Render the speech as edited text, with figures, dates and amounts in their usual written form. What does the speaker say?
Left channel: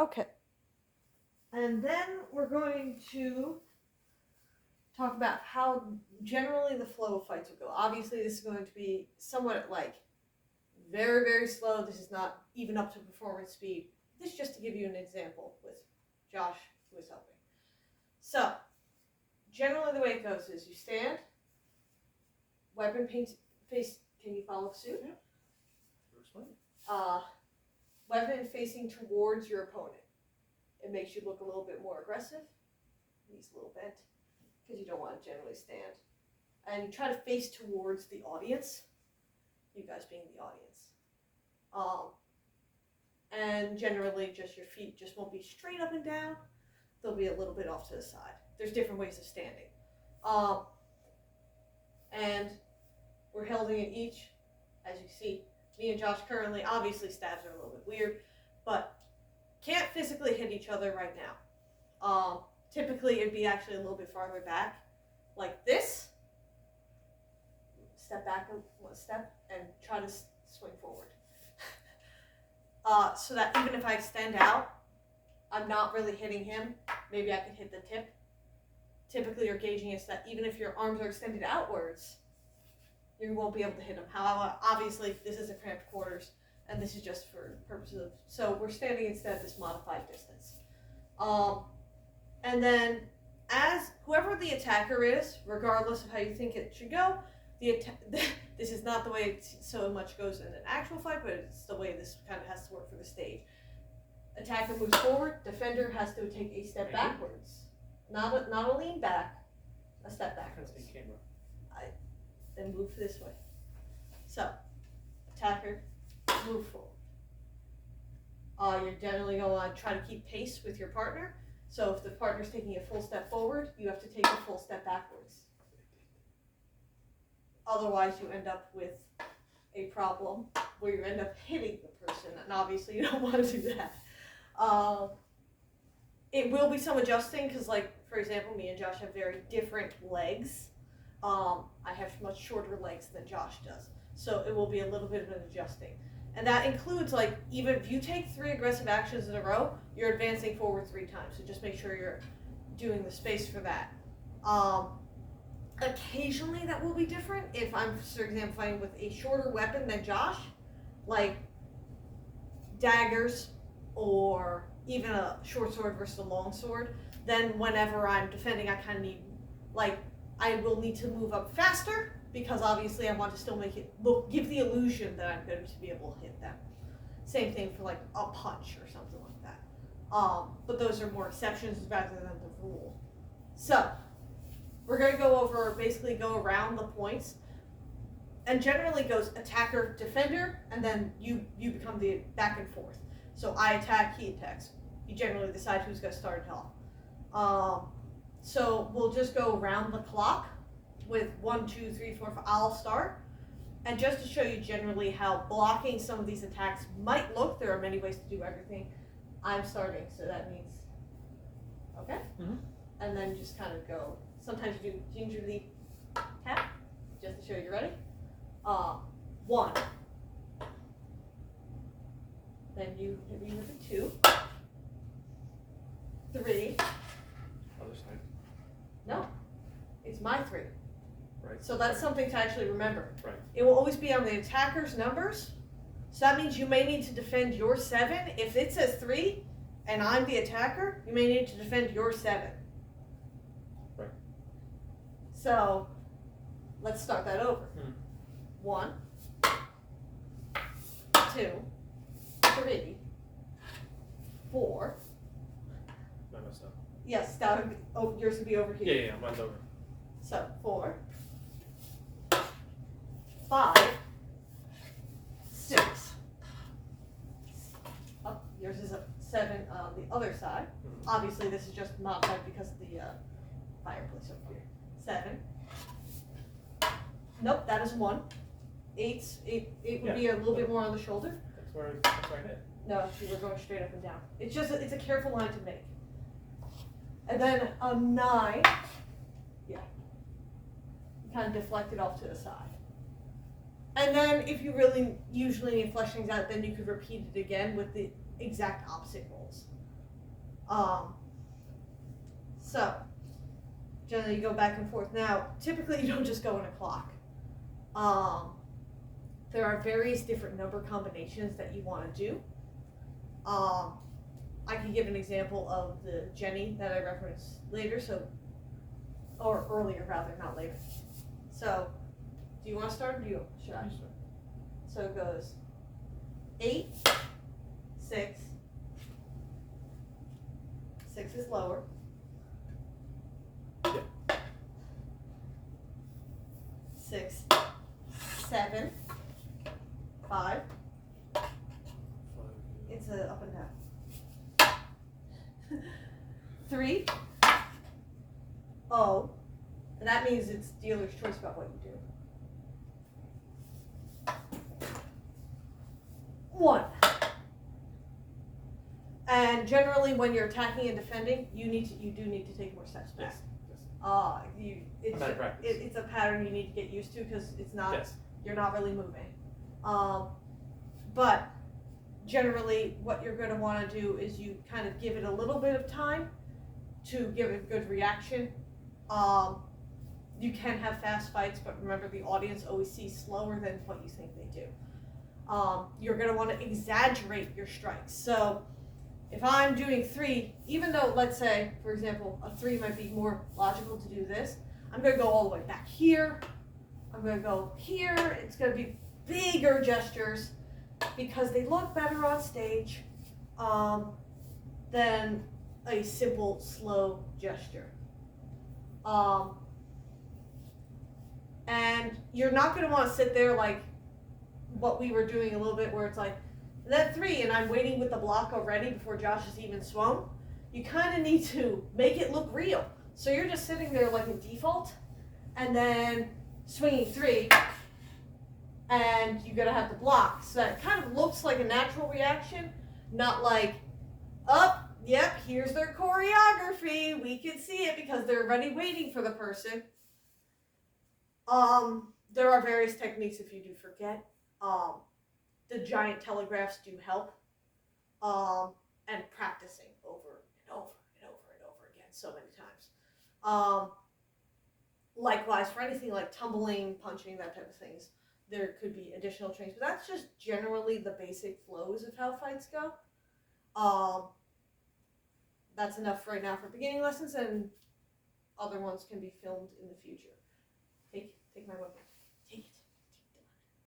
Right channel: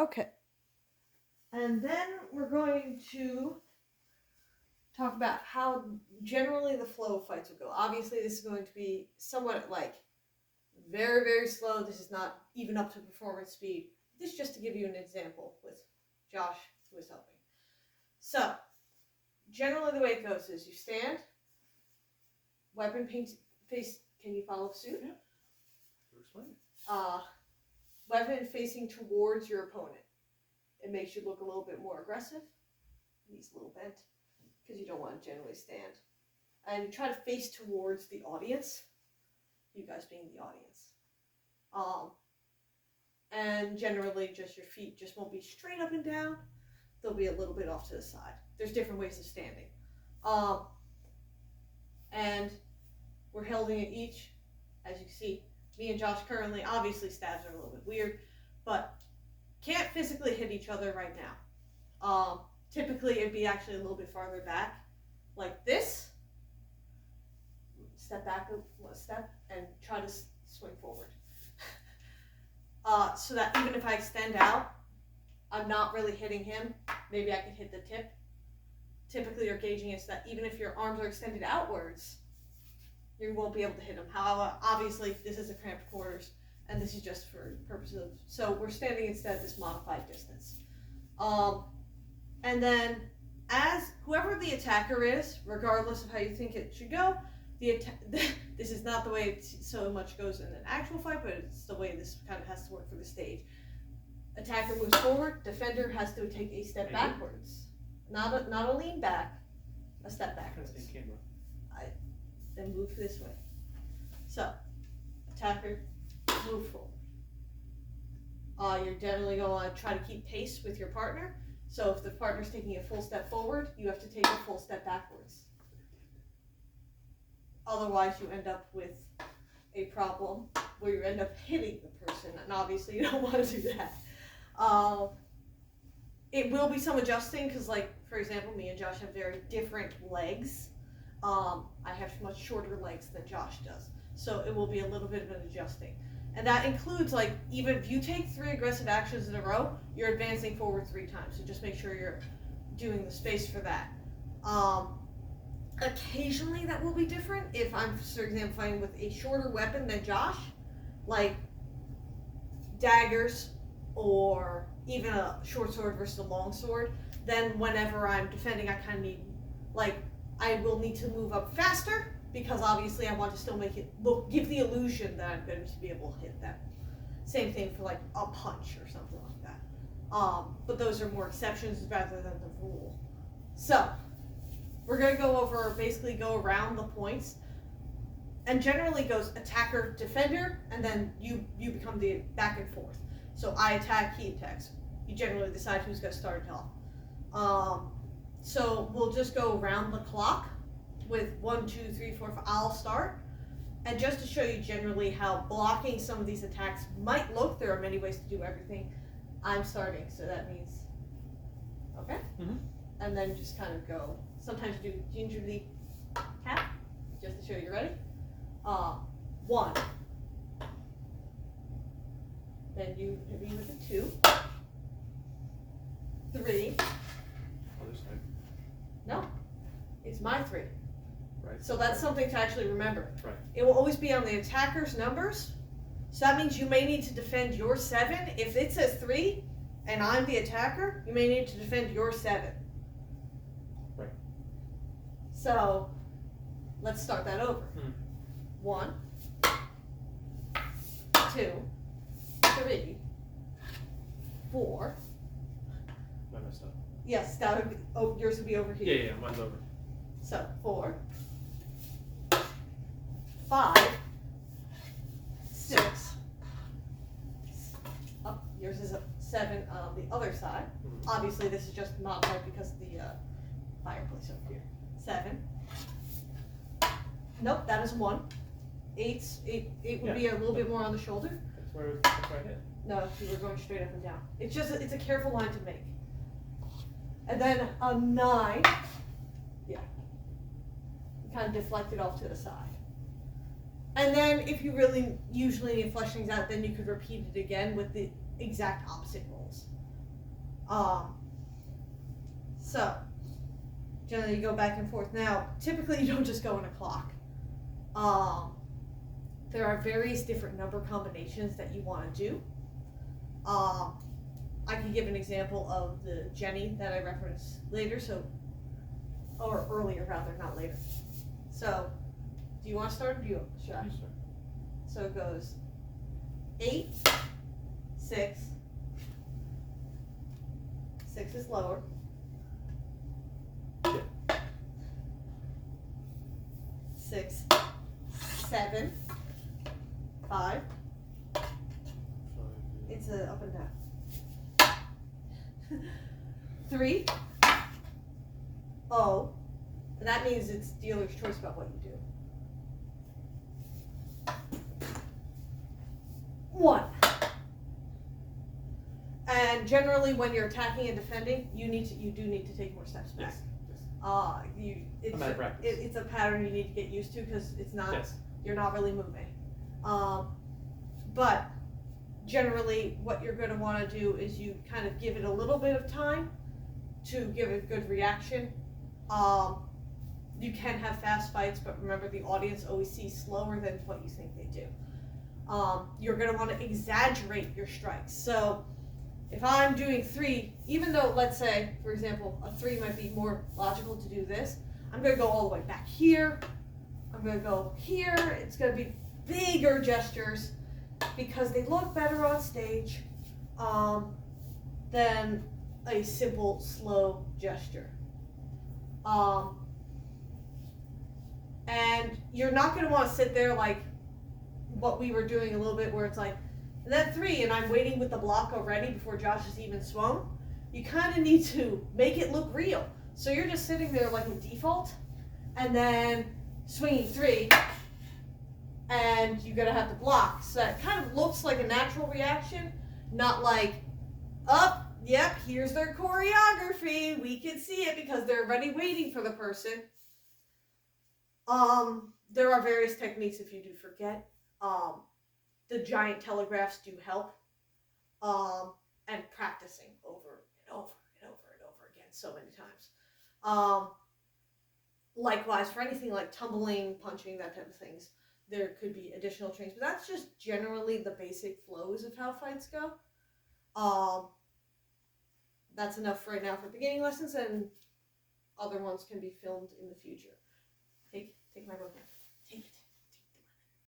Okay. And then we're going to talk about how generally the flow of fights will go. Obviously, this is going to be somewhat like very, very slow. This is not even up to performance speed. This is just to give you an example with Josh, who is helping. So, generally the way it goes is you stand, weapon face, can you follow suit? Yeah. Explain. Weapon facing towards your opponent. It makes you look a little bit more aggressive. Knees a little bent, because you don't want to generally stand. And you try to face towards the audience, you guys being the audience. And generally just your feet just won't be straight up and down. They'll be a little bit off to the side. There's different ways of standing. And we're holding it each, as you see. Me and Josh currently, obviously stabs are a little bit weird, but can't physically hit each other right now. Typically it'd be actually a little bit farther back, like this. Step back a step and try to swing forward. So that even if I extend out, I'm not really hitting him. Maybe I can hit the tip. Typically you're gauging it so that even if your arms are extended outwards, you won't be able to hit him. However, obviously this is a cramped quarters, and this is just for purposes of, so we're standing instead at this modified distance. And then as whoever the attacker is, regardless of how you think it should go, this is not the way it so much goes in an actual fight, but it's the way this kind of has to work for the stage. Attacker moves forward, defender has to take a step backwards. Not a lean back, a step backwards. Then move this way. So, attacker, move forward. You're generally going to want to try to keep pace with your partner. So if the partner's taking a full step forward, you have to take a full step backwards. Otherwise, you end up with a problem where you end up hitting the person, and obviously you don't want to do that. It will be some adjusting because, like, for example, me and Josh have very different legs. I have much shorter legs than Josh does, so it will be a little bit of an adjusting. And that includes, like, even if you take 3 aggressive actions in a row, you're advancing forward 3 times, so just make sure you're doing the space for that. Occasionally that will be different if I'm, for example, fighting with a shorter weapon than Josh, like daggers or even a short sword versus a long sword. Then whenever I'm defending, I kind of need, like, I will need to move up faster because obviously I want to still make it look, give the illusion that I'm going to be able to hit them. Same thing for like a punch or something like that. But those are more exceptions rather than the rule. So we're going to go over, basically go around the points, and generally goes attacker, defender, and then you become the back and forth. So I attack, he attacks. You generally decide who's going to start it off. So we'll just go around the clock with 1, 2, 3, 4, 5. I'll start. And just to show you generally how blocking some of these attacks might look, there are many ways to do everything. I'm starting, so that means, okay? Mm-hmm. And then just kind of go. Sometimes you do gingerly tap, just to show you ready. 1. Then you hit me with a 2. 3. Other side. No, it's my 3. Right. So that's something to actually remember. Right. It will always be on the attacker's numbers. So that means you may need to defend your 7. If it says 3 and I'm the attacker, you may need to defend your 7. Right. So let's start that over. 1, 2, 3, 4. I messed up. Yes, that would be, oh, yours would be over here. Yeah, mine's over. So 4, 5, 6. Oh, yours is a 7 on the other side. Mm-hmm. Obviously, this is just modified because of the fireplace over here. 7. Nope, that is 1. 8 would be a little bit more on the shoulder. That's where I hit. No, you were going straight up and down. It's just it's a careful line to make. And then a 9. Yeah. You kind of deflect it off to the side. And then if you really usually need to flesh things out, then you could repeat it again with the exact opposite rolls. So generally you go back and forth. Now, typically you don't just go in a clock. There are various different number combinations that you want to do. I can give an example of the Jenny that I referenced later, or earlier rather, not later. So, do you want to start or should I? You start. So it goes 8, 6, 6 is lower. Yeah. 6, 7, 5. It's a up and down. 3, O, and that means it's dealer's choice about what you do. 1. And generally, when you're attacking and defending, you do need to take more steps back. Yes. It's I'm out of practice. it's a pattern you need to get used to because it's not Yes. you're not really moving. But generally, what you're going to want to do is you kind of give it a little bit of time to give a good reaction. You can have fast fights, but remember the audience always sees slower than what you think they do. You're going to want to exaggerate your strikes. So if I'm doing 3, even though, let's say, for example, a 3 might be more logical to do this, I'm going to go all the way back here. I'm going to go here. It's going to be bigger gestures because they look better on stage than a simple, slow gesture. And you're not going to want to sit there like what we were doing a little bit where it's like, that 3 and I'm waiting with the block already before Josh has even swung. You kind of need to make it look real. So you're just sitting there like a default and then swinging 3 and you're going to have to block. So it kind of looks like a natural reaction, not like, yep, here's their choreography. We can see it because they're already waiting for the person. There are various techniques if you do forget. The giant telegraphs do help. And practicing over and over and over and over again so many times. Likewise, for anything like tumbling, punching, that type of things, there could be additional trainings, but that's just generally the basic flows of how fights go. That's enough right now for beginning lessons, and other ones can be filmed in the future. Take my book.